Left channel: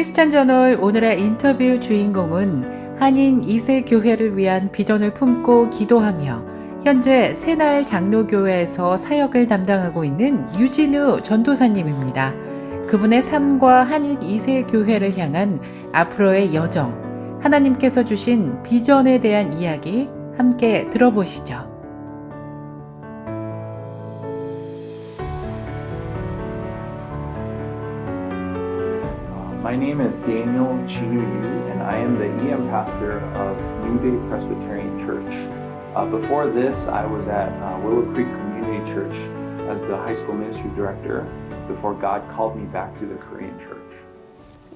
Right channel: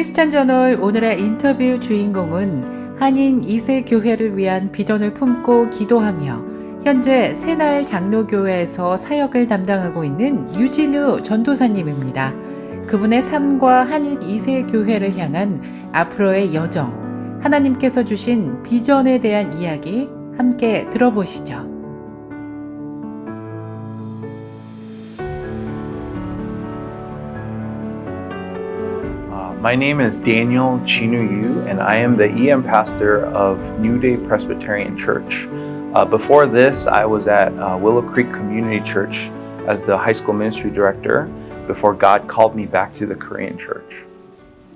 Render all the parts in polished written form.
크리스찬 저널 오늘의 인터뷰 주인공은 한인 2세 교회를 위한 비전을 품고 기도하며 현재 새날 장로교회에서 사역을 담당하고 있는 유진우 전도사님입니다. 그분의 삶과 한인 2세 교회를 향한 앞으로의 여정, 하나님께서 주신 비전에 대한 이야기 함께 들어보시죠. My name is Daniel Chinu Yu, and I am the EM pastor of New Day Presbyterian Church. Before this, I was at Willow Creek Community Church as the high school ministry director before God called me back to the Korean church.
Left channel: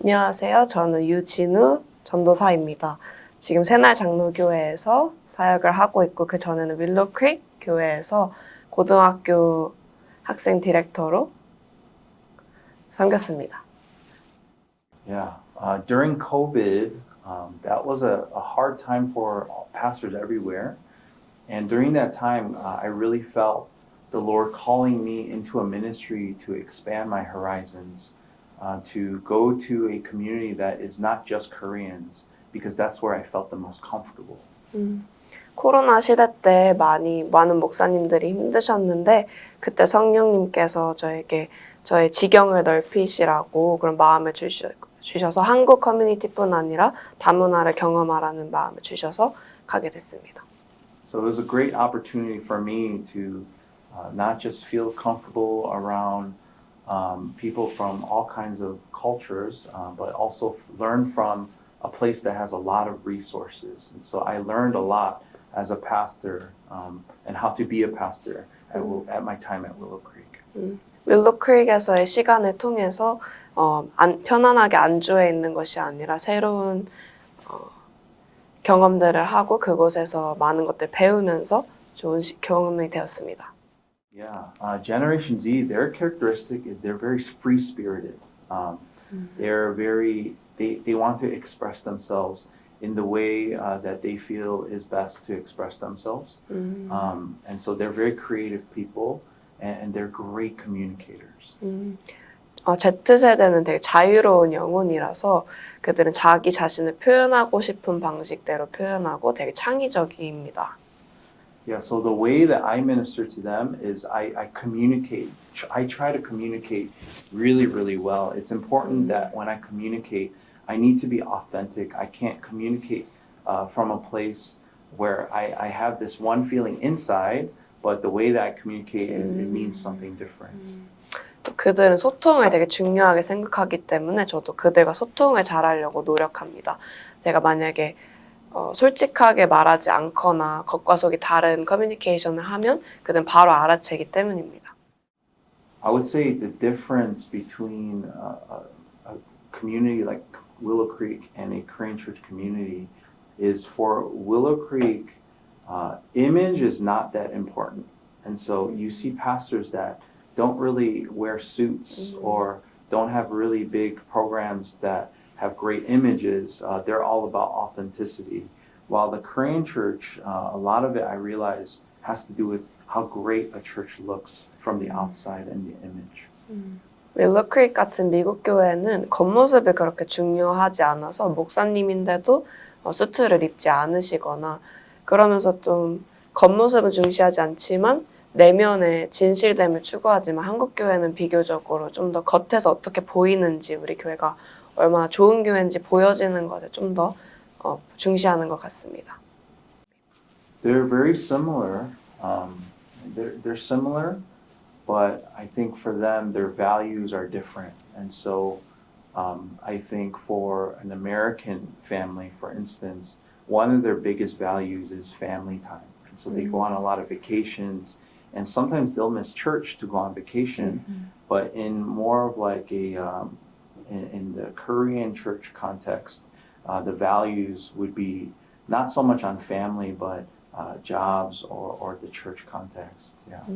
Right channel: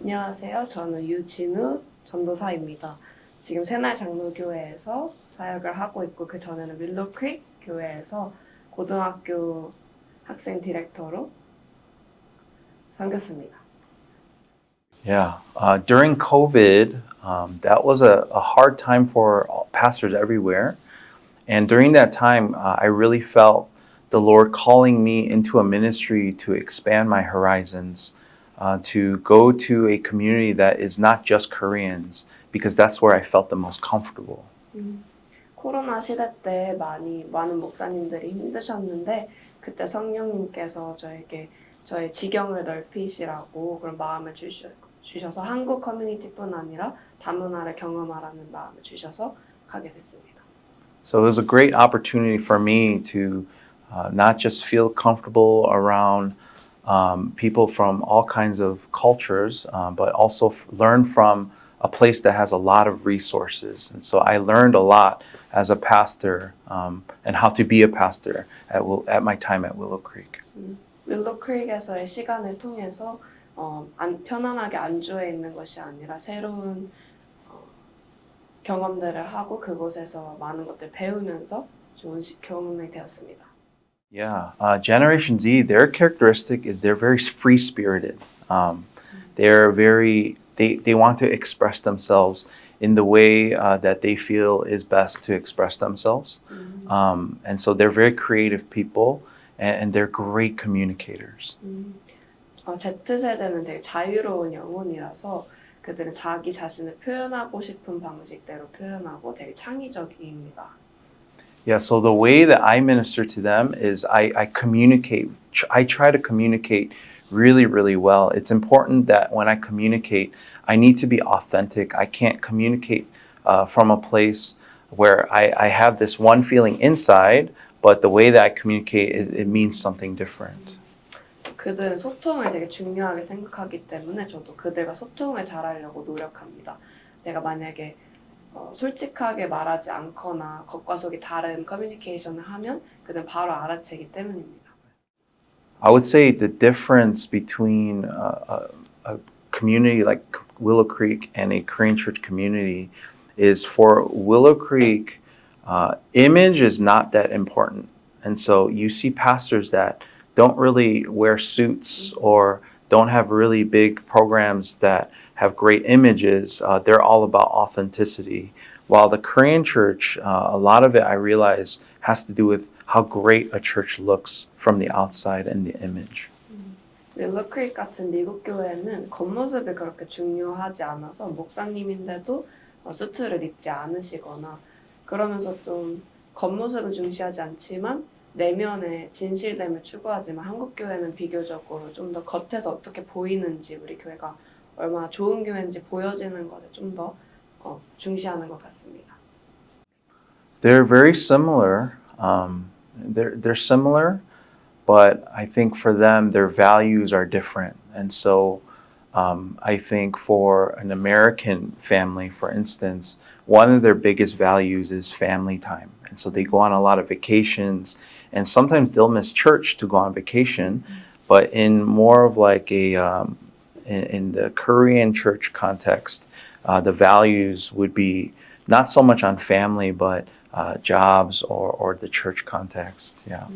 안녕하세요. 저는 유진우 전도사입니다. 지금 새날 장로교회에서 사역을 하고 있고 그 전에는 윌로우 크릭 교회에서 고등학교 학생 디렉터로 섬겼습니다. Yeah, during COVID, that was a hard time for pastors everywhere. And during that time, I really felt the Lord calling me into a ministry to expand my horizons, to go to a community that is not just Koreans, because that's where I felt the most comfortable. 코로나 시대 때 많은 목사님들이 힘드셨는데 그때 성령님께서 저에게 저의 지경을 넓히시라고 그런 마음을 주셔서 한국 커뮤니티뿐 아니라 다문화를 경험하라는 마음을 주셔서 가게 됐습니다. So it was a great opportunity for me to not just feel comfortable around people from all kinds of cultures, but also learn from a place that has a lot of resources. And so I learned a lot as a pastor and how to be a pastor at my time at Willow Creek. 윌로우 크릭에서의 시간을 통해서 편안하게 안주해 있는 것이 아니라 새로운 경험들을 하고 그곳에서 많은 것들 배우면서 좋은 경험이 되었습니다. Yeah, Generation Z, their characteristic is they're very free-spirited. They want to express themselves in the way that they feel is best to express themselves. And so they're very creative people and they're great communicators. Z세대는 되게 자유로운 영혼이라서 그들은 자기 자신을 표현하고 싶은 방식대로 표현하고 되게 창의적입니다. Yeah, so the way that I minister to them is I communicate. I try to communicate really, really well. It's important that when I communicate, I need to be authentic. I can't communicate from a place where I have this one feeling inside, but the way that I communicate, it means something different. 그들은 소통을 되게 중요하게 생각하기 때문에 저도 그들과 소통을 잘하려고 노력합니다. 제가 만약에 솔직하게 말하지 않거나 겉과 속이 다른 커뮤니케이션을 하면 그들은 바로 알아채기 때문입니다. I would say the difference between a community like Willow Creek and a Korean church community is for Willow Creek, image is not that important. And so you see pastors that don't really wear suits or don't have really big programs that have great images. They're all about authenticity. While the Korean church, a lot of it I realize has to do with how great a church looks from the outside and the image. 윌로우 크릭 같은 미국 교회는 겉모습이 그렇게 중요하지 않아서 목사님인데도 수트를 입지 않으시거나 그러면서 좀 겉모습을 중시하지 않지만 내면의 진실됨을 추구하지만 한국 교회는 비교적으로 좀 더 겉에서 어떻게 보이는지 우리 교회가 얼마나 좋은 교회인지 보여지는 것에 좀 더 중시하는 것 같습니다. They're very similar. They're similar, but I think for them their values are different. And so I think for an American family, for instance, one of their biggest values is family time. And so they go on a lot of vacations. And sometimes they'll miss church to go on vacation, but in more of like in the Korean church context, the values would be not so much on family, but jobs or the church context. Yeah.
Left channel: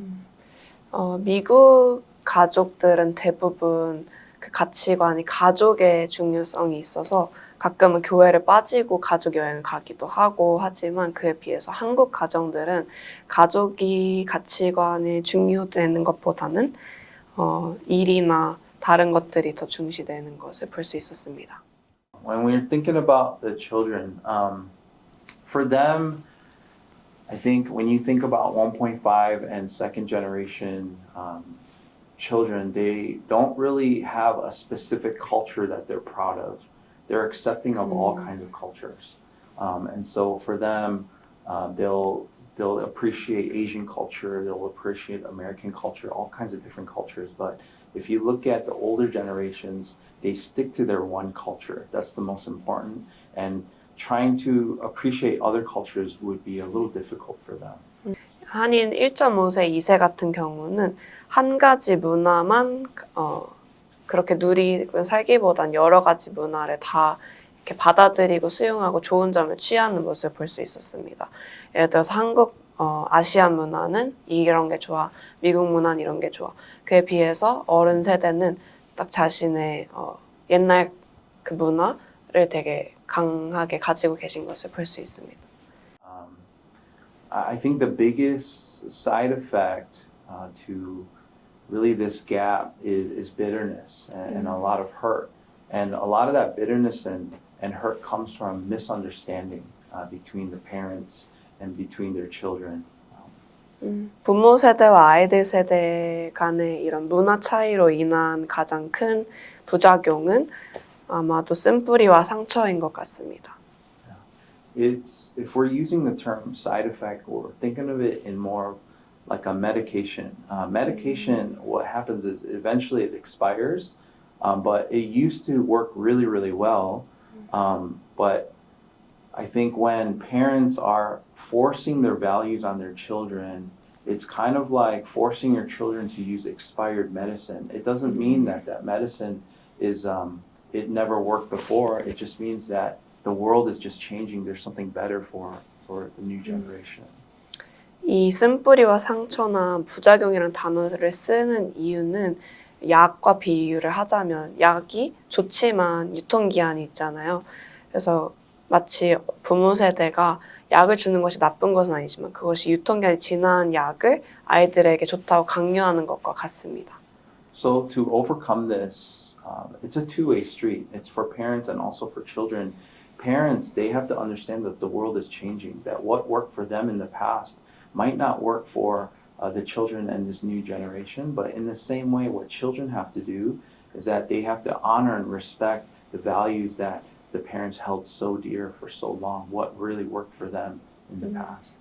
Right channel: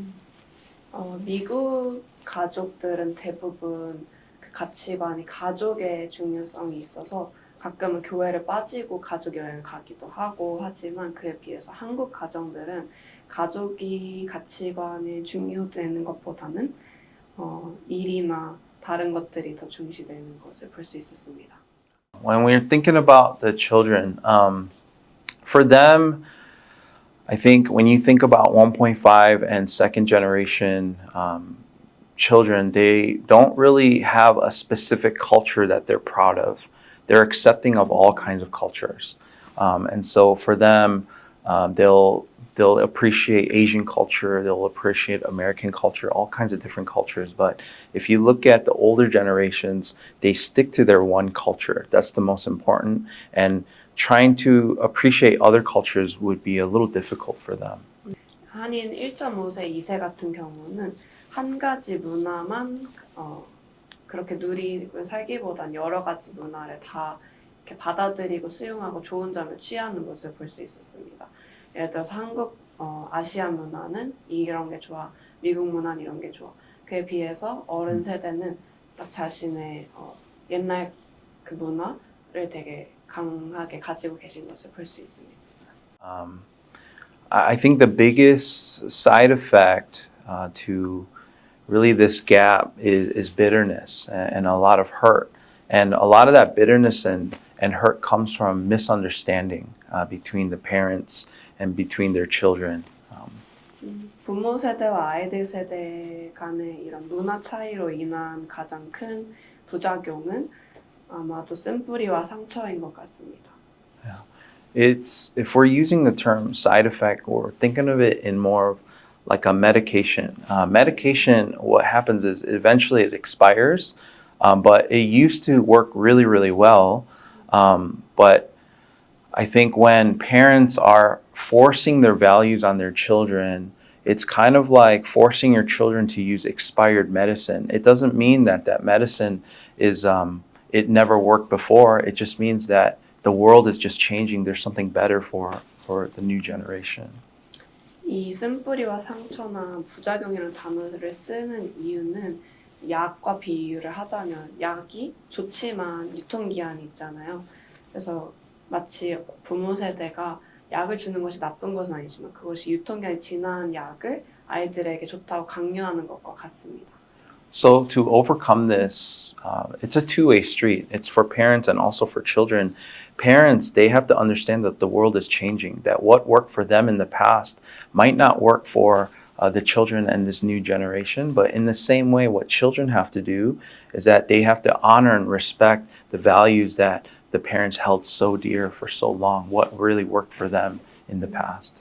미국 가족들은 대부분 그 가치관이 가족의 중요성이 있어서 가끔은 교회를 빠지고 가족 여행을 가기도 하고 하지만 그에 비해서 한국 가정들은 가족이 가치관이 중요되는 것보다는 일이나 다른 것들이 더 중시되는 것을 볼 수 있었습니다. When we're thinking about the children, for them, I think when you think about 1.5 and second generation children, they don't really have a specific culture that they're proud of. They're accepting of all kinds of cultures. And so for them, they'll appreciate Asian culture, they'll appreciate American culture, all kinds of different cultures. But if you look at the older generations, they stick to their one culture. That's the most important. And trying to appreciate other cultures would be a little difficult for them. 한인 1.5세, 2세 같은 경우는 한 가지 문화만 그렇게 누리고 살기보단 여러 가지 문화를 다 이렇게 받아들이고 수용하고 좋은 점을 취하는 모습을 볼 수 있었습니다. 예를 들어서 한국 아시안 문화는 이런 게 좋아, 미국 문화는 이런 게 좋아. 그에 비해서 어른 세대는 딱 자신의 옛날 그 문화를 되게 강하게 가지고 계신 것을 볼 수 있습니다. I think the biggest side effect to really this gap is bitterness and a lot of hurt. And a lot of that bitterness and hurt comes from misunderstanding between the parents and between their children. 부모 세대와 아이들 세대 간의 이런 문화 차이로 인한 가장 큰 부작용은 아마도 쓴뿌리와 상처인 것 같습니다. It's if we're using the term side effect, we're thinking of it in more of like a medication. Medication, what happens is eventually it expires, but it used to work really, really well. But I think when parents are forcing their values on their children, it's kind of like forcing your children to use expired medicine. It doesn't mean that that medicine is it never worked before. It just means that the world is just changing. There's something better for the new generation. 이 쓴뿌리와 상처나 부작용이라는 단어를 쓰는 이유는 약과 비유를 하자면 약이 좋지만 유통기한이 있잖아요. 그래서 마치 부모 세대가 약을 주는 것이 나쁜 것은 아니지만 그것이 유통기한이 지난 약을 아이들에게 좋다고 강요하는 것과 같습니다. So to overcome this, it's a two-way street. It's for parents and also for children. Parents, they have to understand that the world is changing, that what worked for them in the past might not work for the children and this new generation. But in the same way, what children have to do is that they have to honor and respect the values that the parents held so dear for so long, what really worked for them in the past.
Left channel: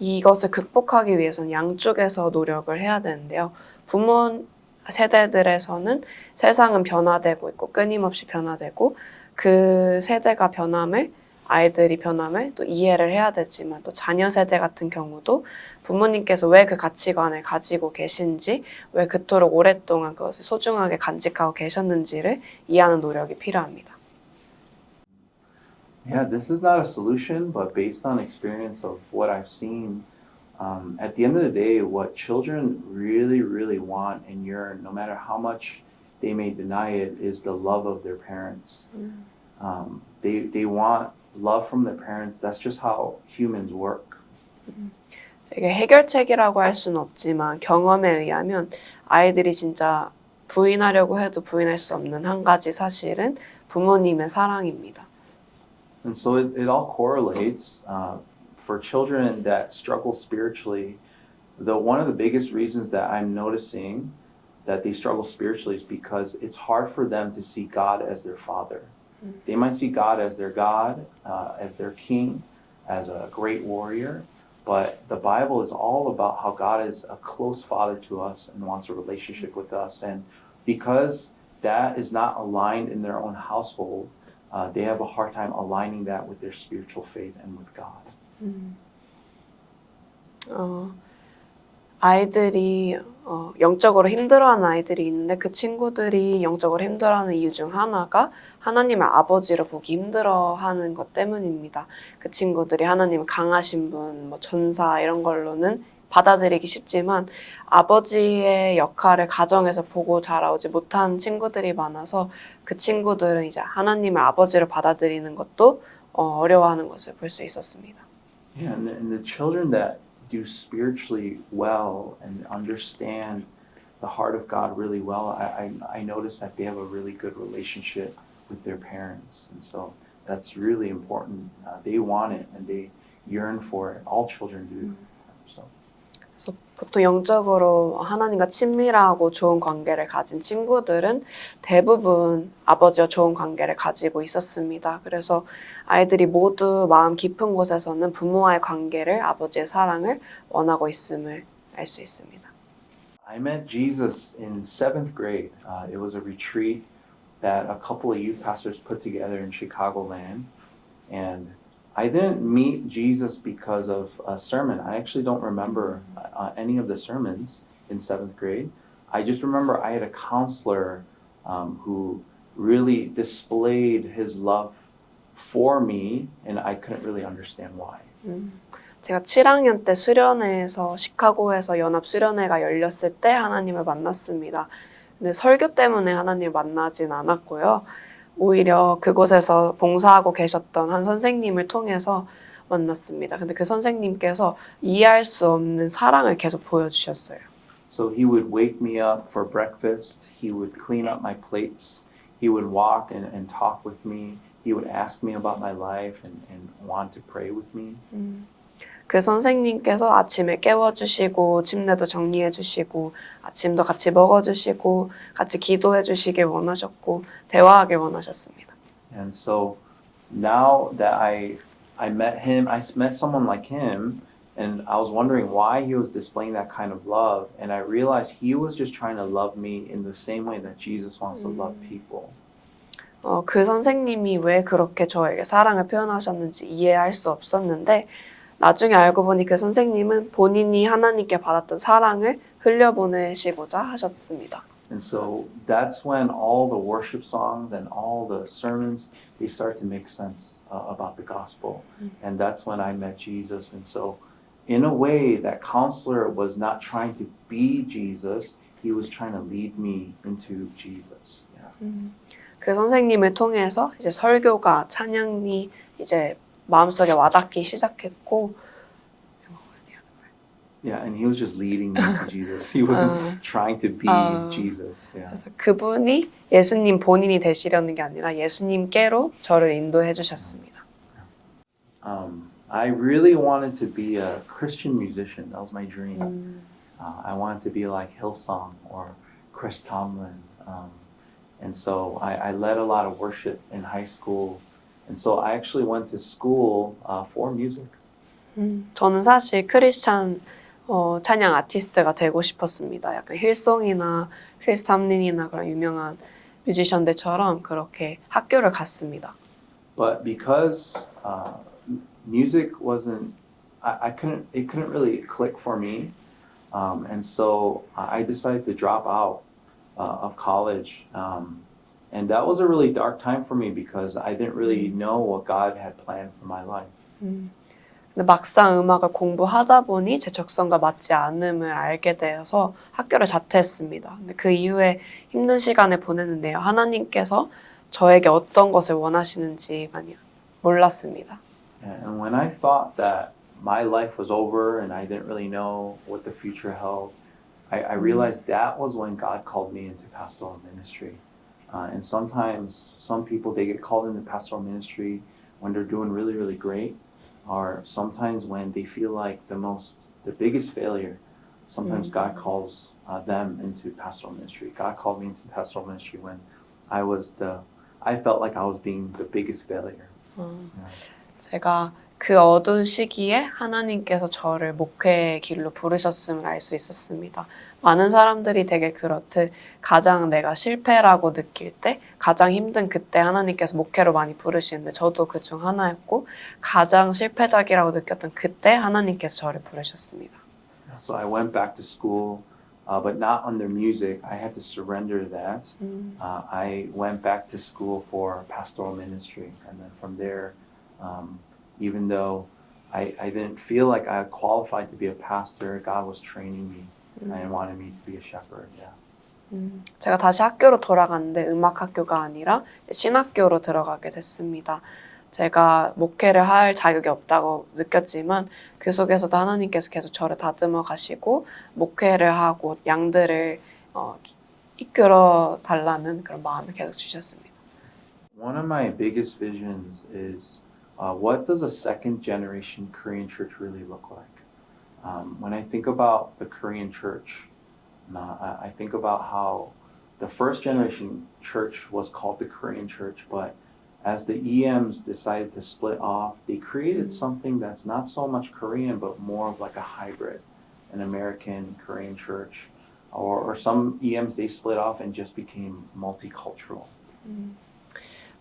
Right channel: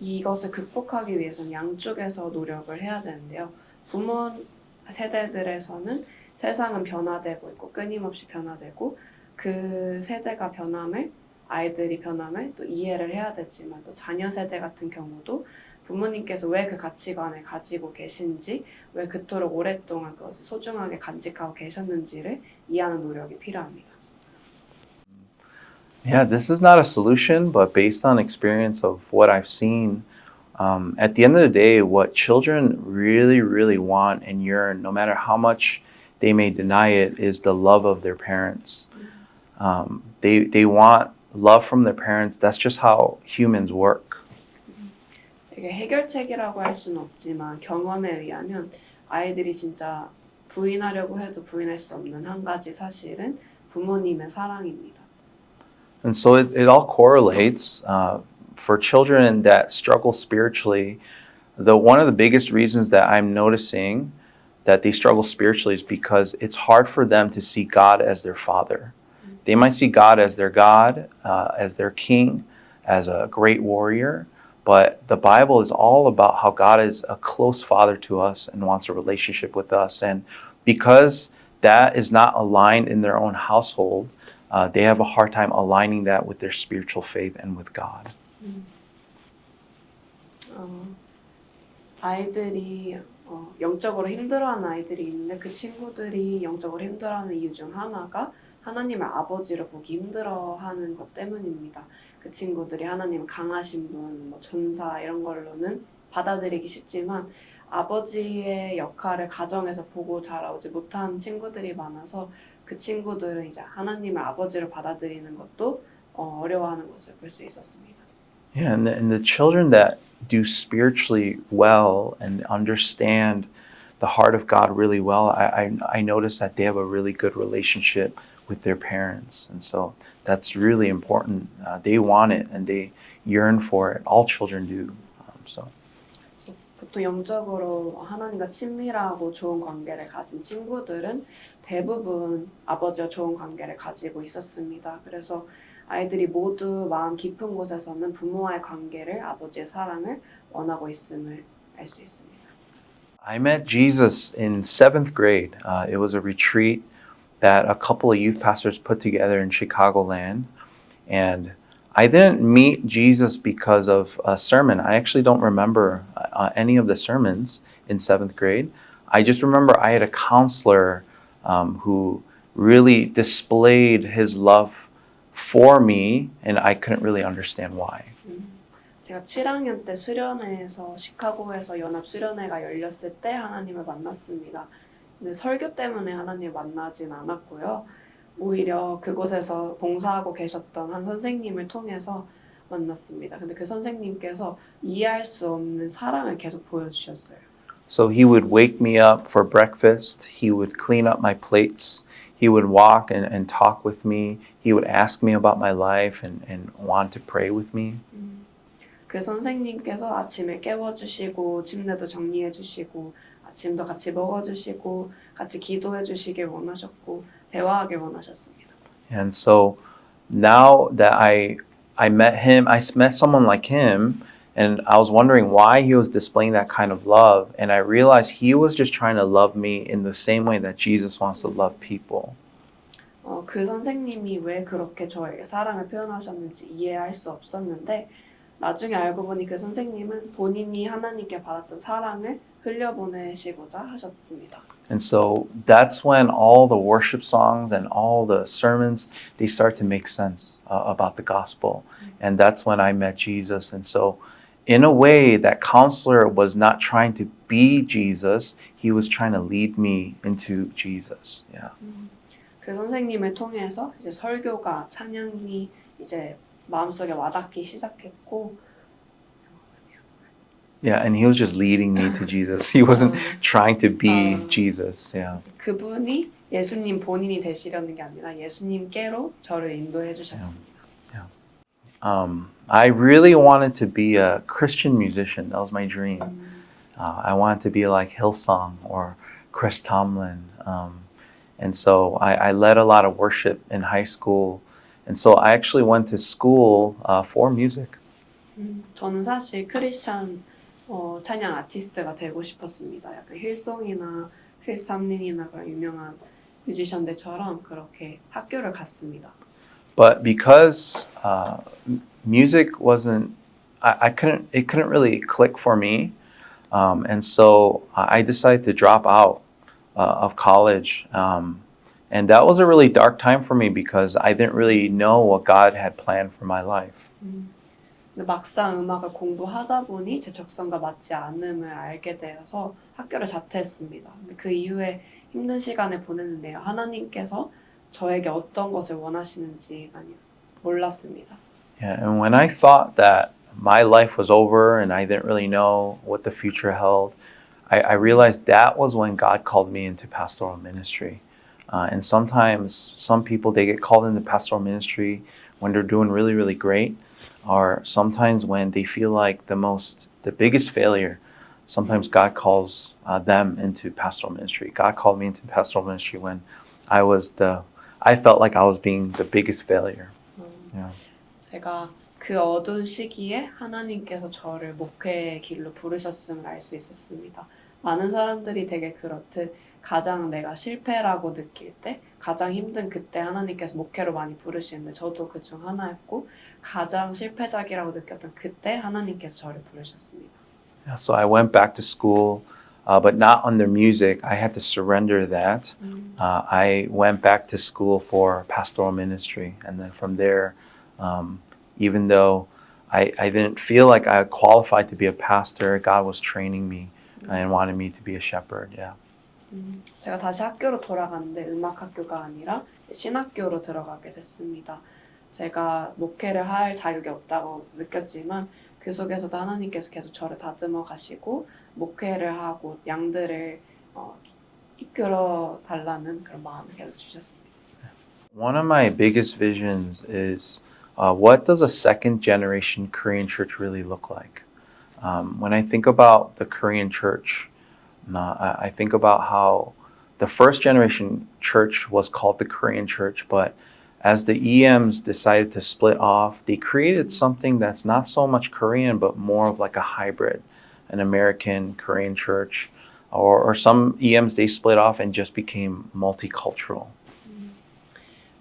이것을 극복하기 위해서는 양쪽에서 노력을 해야 되는데요. 부모 세대들에서는 세상은 변화되고 있고 끊임없이 변화되고 그 세대가 변함을 아이들이 변함을 또 이해를 해야 되지만 또 자녀 세대 같은 경우도 부모님께서 왜 그 가치관을 가지고 계신지 왜 그토록 오랫동안 그것을 소중하게 간직하고 계셨는지를 이해하는 노력이 필요합니다. Yeah, this is not a solution, but based on experience of what I've seen, at the end of the day, what children really, really want and yearn, no matter how much they may deny it, is the love of their parents. They want love from their parents. That's just how humans work. 이게 해결책이라고 할 수는 없지만 경험에 의하면 아이들이 진짜 부인하려고 해도 부인할 수 없는 한 가지 사실은 부모님의 사랑입니다. And so it all correlates. For children that struggle spiritually, one of the biggest reasons that I'm noticing that they struggle spiritually is because it's hard for them to see God as their father. They might see God as their God, as their king, as a great warrior, but the Bible is all about how God is a close father to us and wants a relationship with us. And because that is not aligned in their own household, they have a hard time aligning that with their spiritual faith and with God. 아이들이 영적으로 힘들어하는 아이들이 있는데 그 친구들이 영적으로 힘들어하는 이유 중 하나가 하나님을 아버지로 보기 힘들어하는 것 때문입니다. 그 친구들이 하나님을 강하신 분, 뭐 전사 이런 걸로는 받아들이기 쉽지만 아버지의 역할을 가정에서 보고 자라오지 못한 친구들이 많아서 그 친구들은 이제 하나님을 아버지로 받아들이는 것도 어려워하는 것을 볼 수 있었습니다. Yeah, and the children that do spiritually well and understand the heart of God really well, I noticed that they have a really good relationship with their parents. And so that's really important. They want it and they yearn for it. All children do. So. 그래서 보통 영적으로 하나님과 친밀하고 좋은 관계를 가진 친구들은 대부분 아버지와 좋은 관계를 가지고 있었습니다. 그래서 아이들이 모두 마음 깊은 곳에서는 부모와의 관계를, 아버지의 사랑을 원하고 있음을 알 수 있습니다. I met Jesus in seventh grade. It was a retreat that a couple of youth pastors put together in Chicagoland. And I didn't meet Jesus because of a sermon. I actually don't remember any of the sermons in seventh grade. I just remember I had a counselor who really displayed his love for me, and I couldn't really understand why. 제가 7학년 때 수련회에서 시카고에서 연합 수련회가 열렸을 때 하나님을 만났습니다. 근데 설교 때문에 하나님을 만나진 않았고요. 오히려 그곳에서 봉사하고 계셨던 한 선생님을 통해서 만났습니다. 근데 그 선생님께서 이해할 수 없는 사랑을 계속 보여주셨어요. So he would wake me up for breakfast. He would clean up my plates. He would walk and talk with me. He would ask me about my life and want to pray with me. 그 선생님께서 아침에 깨워주시고 침대도 정리해주시고 아침도 같이 먹어주시고 같이 기도해주시길 원하셨고 대화하길 원하셨습니다. And so now that I met him, I met someone like him, and I was wondering why he was displaying that kind of love, and I realized he was just trying to love me in the same way that Jesus wants to love people. 그 선생님이 왜 그렇게 저에게 사랑을 표현하셨는지 이해할 수 없었는데 나중에 알고 보니 그 선생님은 본인이 하나님께 받았던 사랑을 흘려보내시고자 하셨습니다. And so that's when all the worship songs and all the sermons, they start to make sense about the gospel. And that's when I met Jesus. And so in a way, that counselor was not trying to be Jesus. He was trying to lead me into Jesus. Yeah. 그 선생님을 통해서 이제 설교가 찬양이 이제 마음속에 와닿기 시작했고 Yeah, and he was just leading me to Jesus. He wasn't trying to be Jesus. Yeah. 그래서 그분이 예수님 본인이 되시려는 게 아니라 예수님께로 저를 인도해 주셨습니다. I really wanted to be a Christian musician. That was my dream. I wanted to be like Hillsong or Chris Tomlin. And so I led a lot of worship in high school. And so I actually went to school for music. 저는 사실 크리스찬 찬양 아티스트가 되고 싶었습니다. 약간 힐송이나 크리스 탐린이나 그런 유명한 뮤지션들처럼 그렇게 학교를 갔습니다. But because music wasn't, it couldn't really click for me. And so I decided to drop out of college. And that was a really dark time for me because I didn't really know what God had planned for my life. 근데 막상 음악을 공부하다 보니 제 적성과 맞지 않음을 알게 되어서 학교를 자퇴했습니다. 근데 그 이후에 힘든 시간을 보냈는데요. 하나님께서 저에게 어떤 것을 원하시는지 많이 몰랐습니다. Yeah, and when I thought that my life was over and I didn't really know what the future held, I realized that was when God called me into pastoral ministry. And sometimes some people, they get called into pastoral ministry when they're doing really, really great, or sometimes when they feel like the biggest failure. Sometimes God calls them into pastoral ministry. God called me into pastoral ministry when I felt like I was being the biggest failure. Yeah. 제가 그 어두운 시기에 하나님께서 저를 목회의 길로 부르셨음을 알 수 있었습니다. 많은 사람들이 되게 그렇듯 가장 내가 실패라고 느낄 때 가장 힘든 그때 하나님께서 목회로 많이 부르시는데 저도 그중 하나였고 가장 실패작이라고 느꼈던 그때 하나님께서 저를 부르셨습니다. So I went back to school, but not under music. I had to surrender that. I went back to school for pastoral ministry. And then from there, even though I didn't feel like I qualified to be a pastor, God was training me and wanted me to be a shepherd. Yeah. 제가 다시 학교로 돌아갔는데 음악학교가 아니라 신학교로 들어가게 됐습니다. 제가 목회를 할 자격이 없다고 느꼈지만 그 속에서도 하나님께서 계속 저를 다듬어 가시고 목회를 하고 양들을 이끌어 달라는 그런 마음을 계속 주셨습니다. One of my biggest visions is what does a second generation Korean church really look like? When I think about the Korean church, I think about how the first generation church was called the Korean church, but as the EMs decided to split off, they created something that's not so much Korean, but more of like a hybrid, an American Korean church, or some EMs they split off and just became multicultural.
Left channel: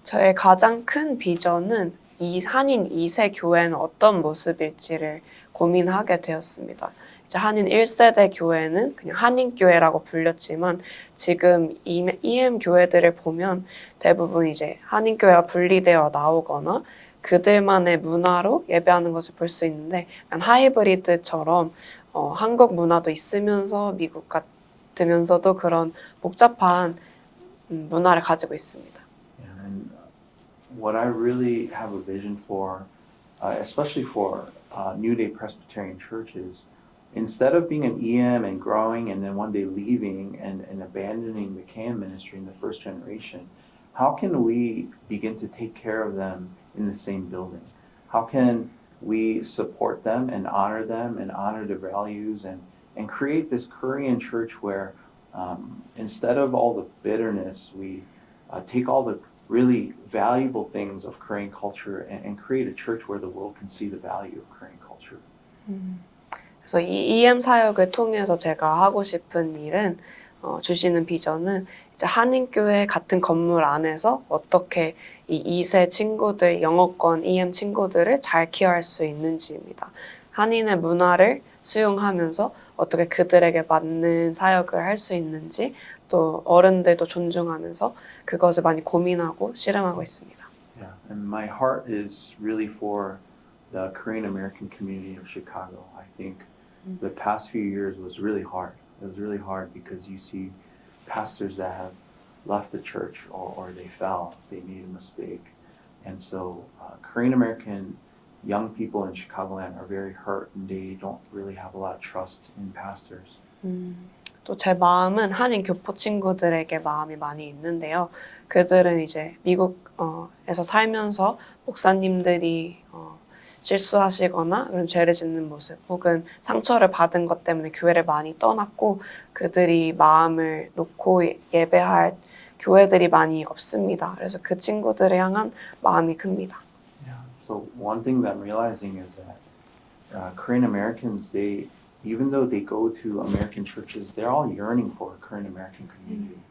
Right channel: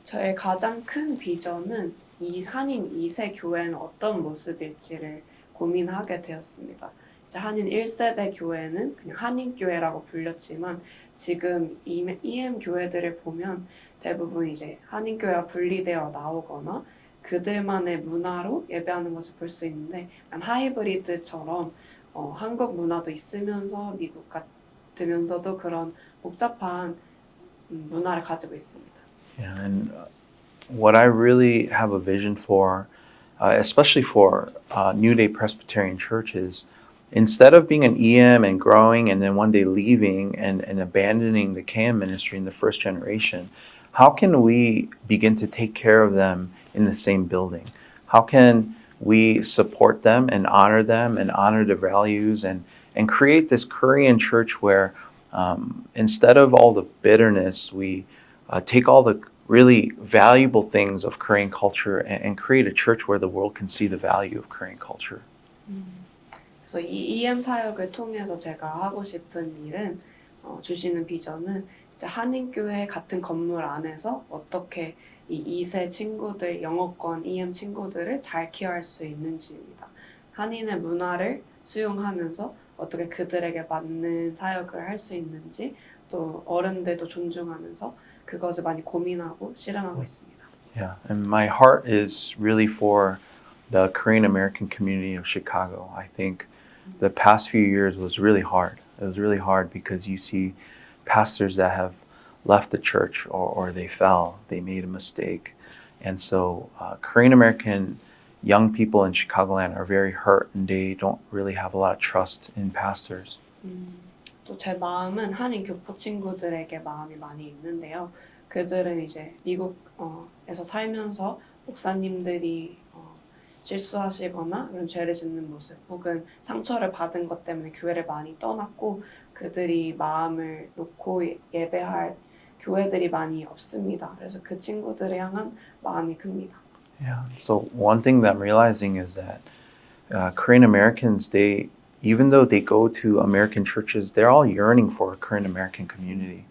저의 가장 큰 비전은 이 한인 2세 교회는 어떤 모습일지를 고민하게 되었습니다. 이제 한인 1세대 교회는 그냥 한인교회라고 불렸지만 지금 EM 교회들을 보면 대부분 이제 한인교회가 분리되어 나오거나 그들만의 문화로 예배하는 것을 볼 수 있는데 약간 하이브리드처럼 한국 문화도 있으면서 미국 같으면서도 그런 복잡한 문화를 가지고 있습니다. Yeah, and what I really have a vision for, especially for New Day Presbyterian churches, instead of being an EM and growing and then one day leaving and abandoning the KM ministry in the first generation, how can we begin to take care of them in the same building? How can we support them and honor their values and create this Korean church where instead of all the bitterness, we take all the really valuable things of Korean culture and create a church where the world can see the value of Korean culture. 그래서 이 EM 사역을 통해서 제가 하고 싶은 일은 주시는 비전은 이제 한인교회 같은 건물 안에서 어떻게 이 2세 친구들, 영어권 EM 친구들을 잘 케어할 수 있는지입니다. 한인의 문화를 수용하면서 어떻게 그들에게 맞는 사역을 할 수 있는지 또 어른들도 존중하면서 그것을 많이 고민하고 실행하고 있습니다. Yeah, and my heart is really for the Korean American community of Chicago. I think the past few years was really hard. It was really hard because you see pastors that have left the church or they fell, they made a mistake. And so Korean American young people in Chicagoland are very hurt and they don't really have a lot of trust in pastors. 또 제 마음은 한인 교포 친구들에게 마음이 많이 있는데요. 그들은 이제 미국에서 살면서 목사님들이 실수하시거나 그런 죄를 짓는 모습 혹은 상처를 받은 것 때문에 교회를 많이 떠났고 그들이 마음을 놓고 예배할 교회들이 많이 없습니다. 그래서 그 친구들을 향한 마음이 큽니다. Yeah. So one thing that I'm realizing is that Korean Americans, even though they go to American churches, they're all yearning for a Korean American community.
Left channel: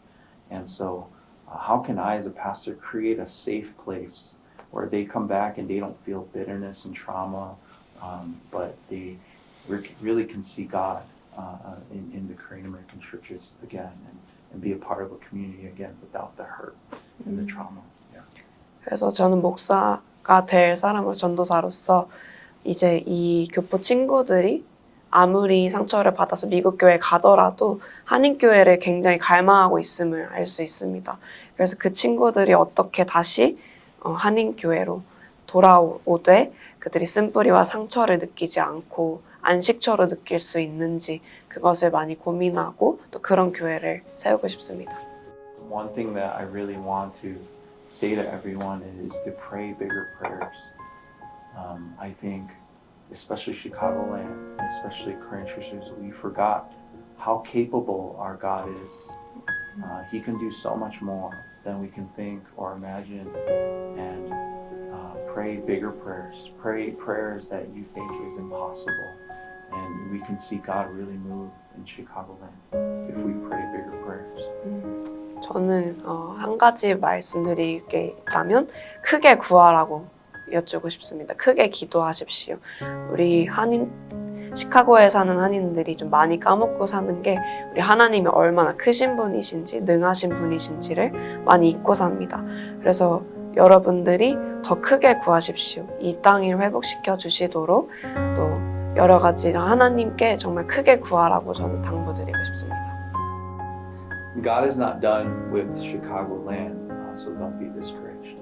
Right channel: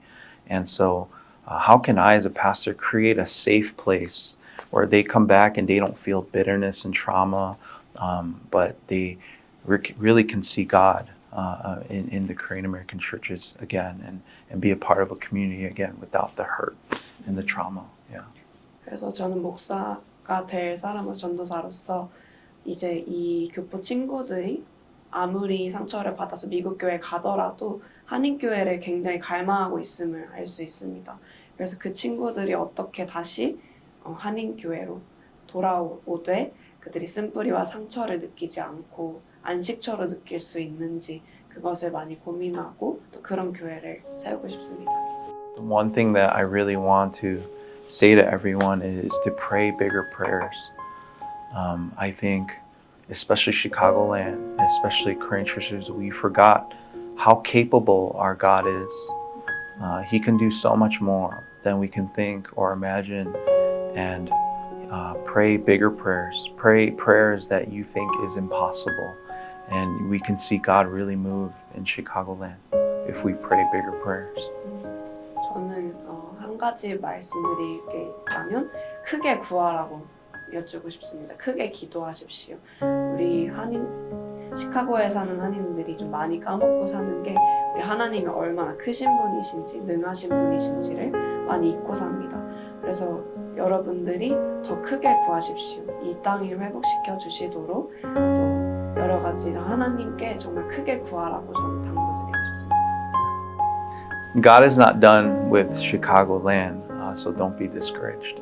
And so how can I as a pastor create a safe place where they come back and they don't feel bitterness and trauma, but they really can see God in the Korean American churches again and be a part of a community again without the hurt and the trauma. Yeah. 그래서 저는 목사가 될 사람으로 전도사로서 이제 이 교포 친구들이 아무리 상처를 받아서 미국 교회에 가더라도 한인 교회를 굉장히 갈망하고 있음을 알 수 있습니다. 그래서 그 친구들이 어떻게 다시 한인 교회로 돌아오되 그들이 쓴뿌리와 상처를 느끼지 않고 안식처로 느낄 수 있는지 그것을 많이 고민하고 또 그런 교회를 세우고 싶습니다. One thing that I really want to say to everyone is to pray bigger prayers. I think especially Chicagoland, especially Korean churches, we forgot how capable our God is. He can do so much more than we can think or imagine. And pray bigger prayers. Pray prayers that you think is impossible. And we can see God really move in Chicagoland if we pray bigger prayers. 저는 한 가지 말씀드릴 게 있다면 크게 구하라고 여쭈고 싶습니다. 크게 기도하십시오. 우리 시카고에 사는 한인들이 좀 많이 까먹고 사는 게 우리 하나님이 얼마나 크신 분이신지 능하신 분이신지를 많이 잊고 삽니다. 그래서 여러분들이 더 크게 구하십시오. 이 땅을 회복시켜 주시도록 또 여러 가지 하나님께 정말 크게 구하라고 저는 당부드리고 싶습니다. God is not done with Chicagoland, so don't be discouraged.